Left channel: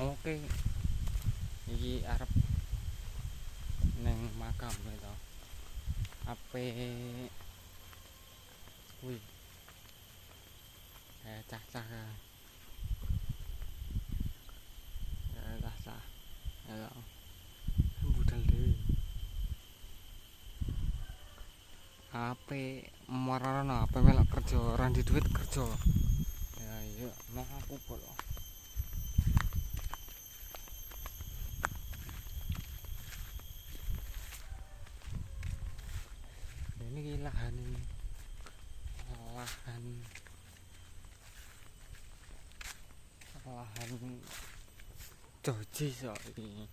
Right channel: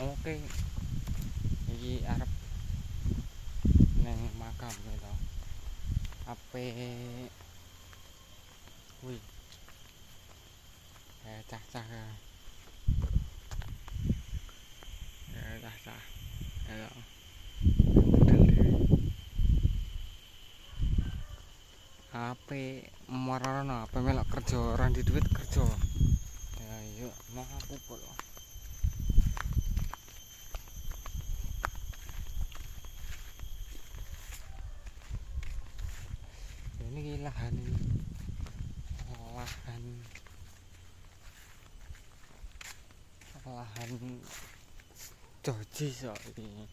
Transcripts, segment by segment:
Oke, iki arep neng makam gitu. Ape kuwi cah-cah cah-cah ya budal dewi ape marana ape melok kerja ora di duit kerja ya iya mau aku kok ini lahan joji so ini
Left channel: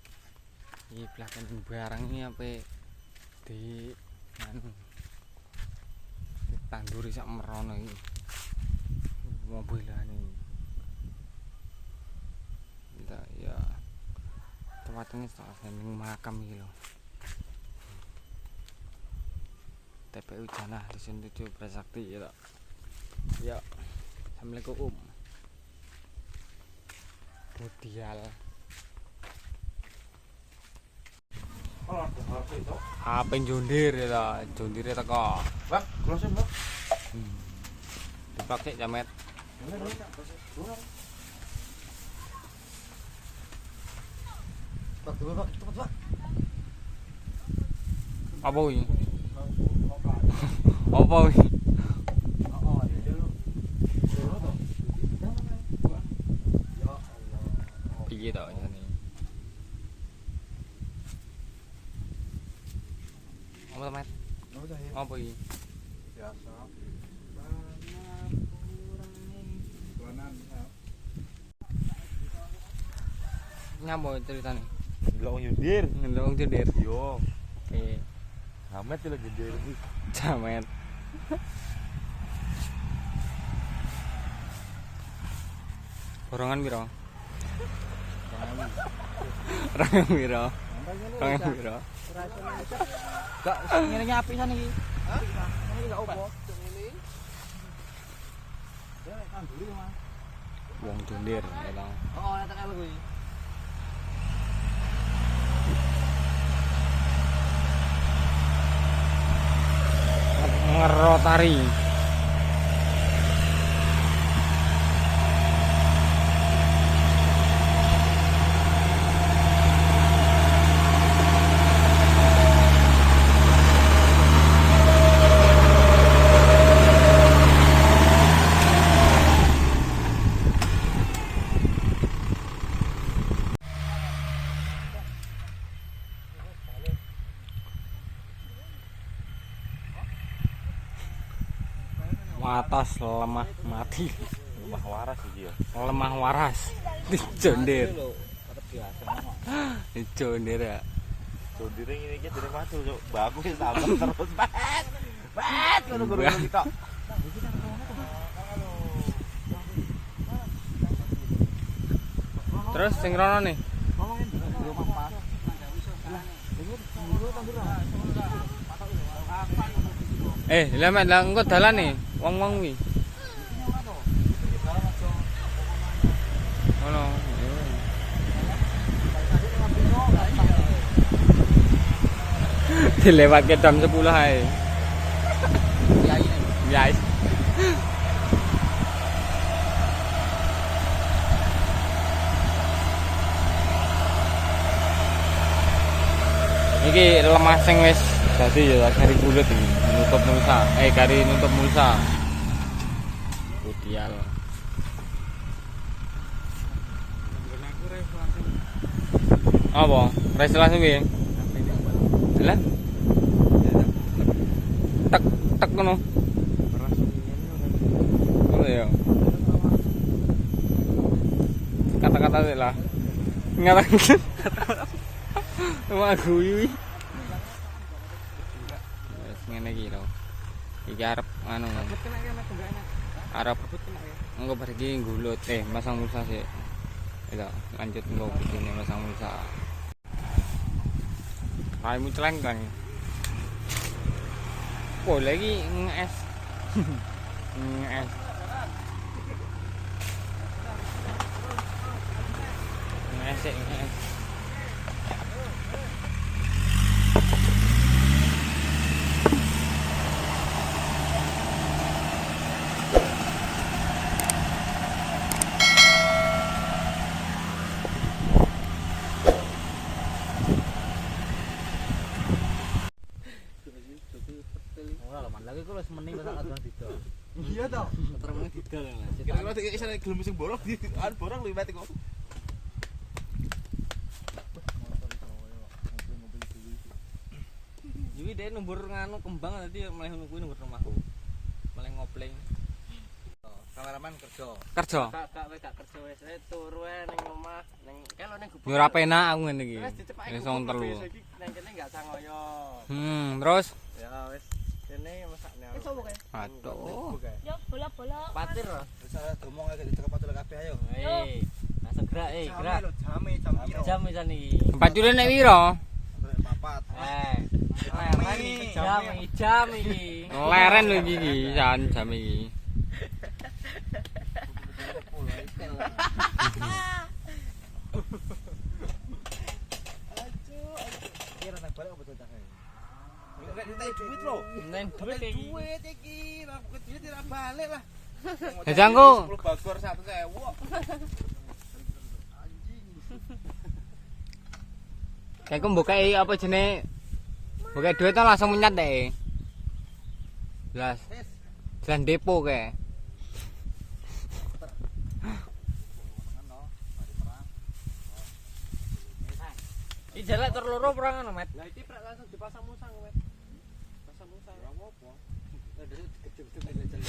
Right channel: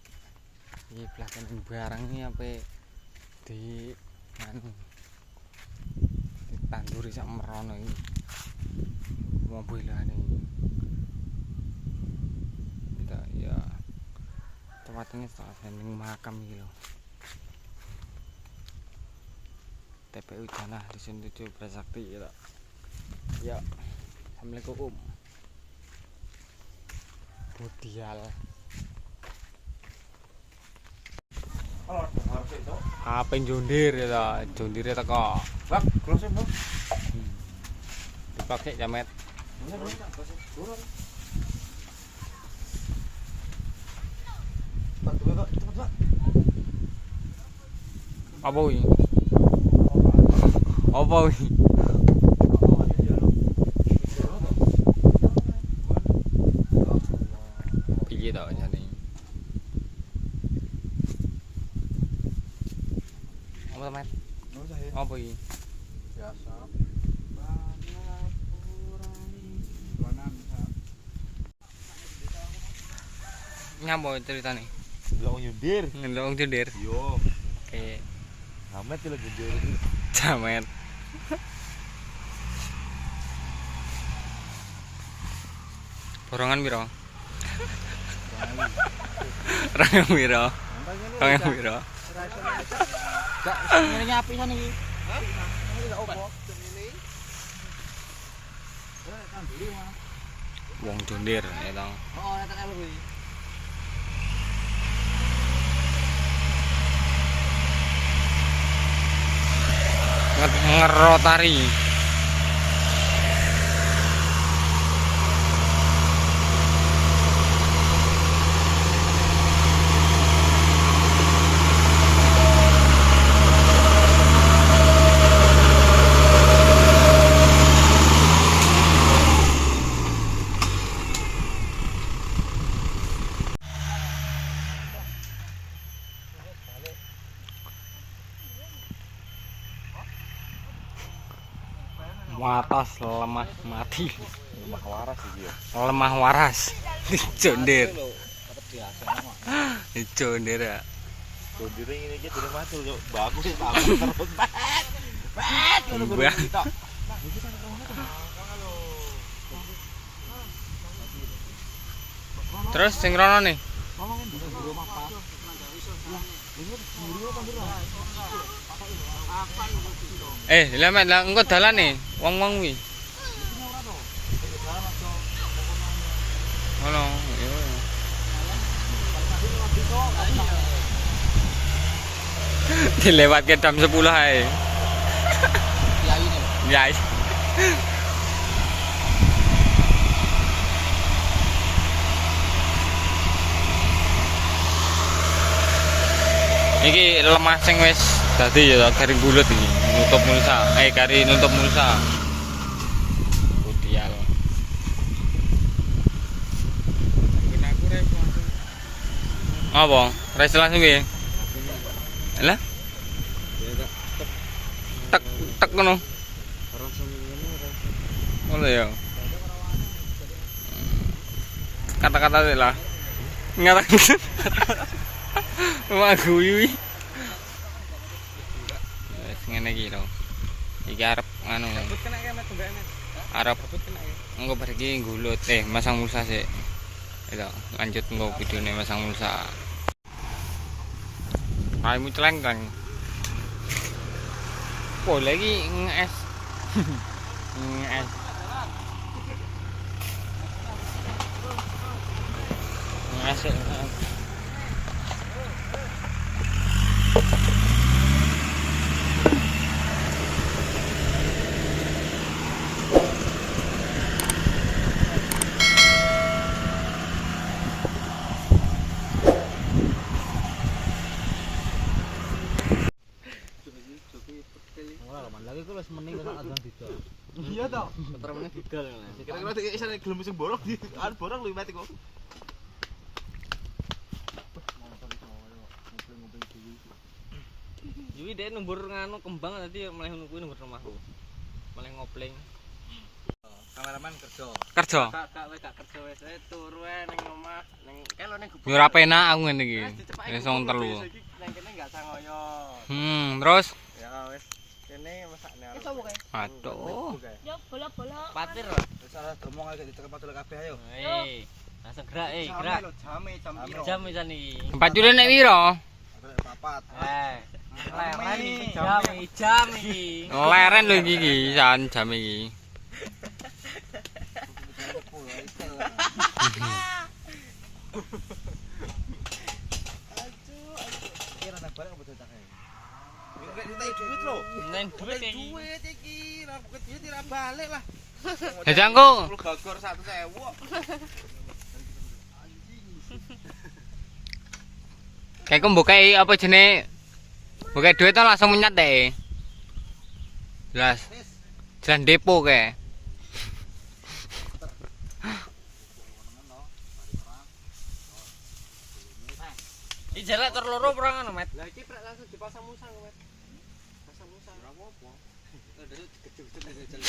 belakang barang ini apa di anu ditanduri sak merono iki mobilan iki kita ya tempatnya ning makam iki lho TPU Janah Dusun 7 Prasakti ya. Ya. Assalamualaikum. Budial. HP jondir ya, jondire teko. Lah, close Mbak. Dipakai jamet. Apa ini? Apa ini? Piye to jane? Apa to, Mat? Apa iki? Biasa. Nyambo ceritane? Delok nyundir. Ndelok wong jondir. Yo. Oke. Amet lho nyundir iki. Jamet. Borongan piro? Rang piro? Rang piro? Gak ngene apik san iki. Hah? Ini gak opo. Ini. Kan dulu Mas. Wong jondir ya tong. Oh, netek aku kuwi. Ngerotari. Watas lemah mati. Lemah waras iki ya. Lemah waras. Jondir. Tetep biasa. Jondir ya. Jondir ngene iki dene matu yo. Bagus tambah terus. Bet ngono-ngono kita. Terus sing rono nih. Lha mek lah engko dalane wong-wong kuwi. Ono, yo. Dilewatke jam 10 ae. Yai. Iki lemah sing wis dadi ya garing bulet iki, nutup mulsa. Kari nutup mulsa. Budial. Apa? Res langsung piye? Lah. Tek tek ngono. Oh ya. Kata-kata lah. Ngatakan. Wah guyu. Wis ngene iki lho. Iki arep anu. Arep engko bar iki nggulut masang mulsa sik. Ayo lanjut engko videone masang mulsa. Aimu celengkang. Oh lagi nges. Nges. Asik. Lagi kok wis mending kok adon didol. Iya toh. Ketermene didol. Kira-kira iki isane gelem sing borok di borok luwih mati kok. Yuwi dhek numbur nganu kembang tadi meleh ngono kuwi numbur rumahku. Meleh ngopling. Kameraman kerja. Kerja. Kak wis gak kerja wis turu ae ning omah ning kan ning gubuk. Yo ora penak aku ngene iki. Wis wong telu. Nang kene gak sangoyo. Terus Ya wis kene masakne. Iso kok. aduh. Yo bola-bola. Patir. Wis ora gremong ae ditekan patul kabeh ayo. Langsung gerak gerak. Jam piro? Jam wis iki. Pacule nek piro? Papat. Jam iki. Leren lho iki jan jam iki. Kira nang balik apa cocok ae? Enggak ditai duit lho. Nen duit iki. Duit iki, ora buket duit ora balik lah. Jajangku. 10 bagor 1.000. Kayak ku mbokei apa jenenge? Mbokei duit to langsung menyat deh. Jelas. Jelas depo kayak. Iki jarak tur loro perang ngono, Met. Lah iki prek langsung dipasang musang, Met. Pasang musang ora apa-apa. Lah dadi gede-gede jalan.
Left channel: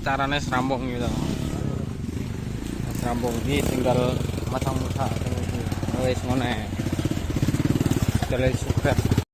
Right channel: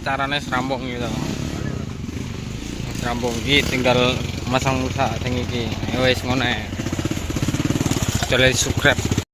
Carane serampung gitu. Serampung iki tinggal masang musa sing iki. Wis ngono ae. Coba subscribe.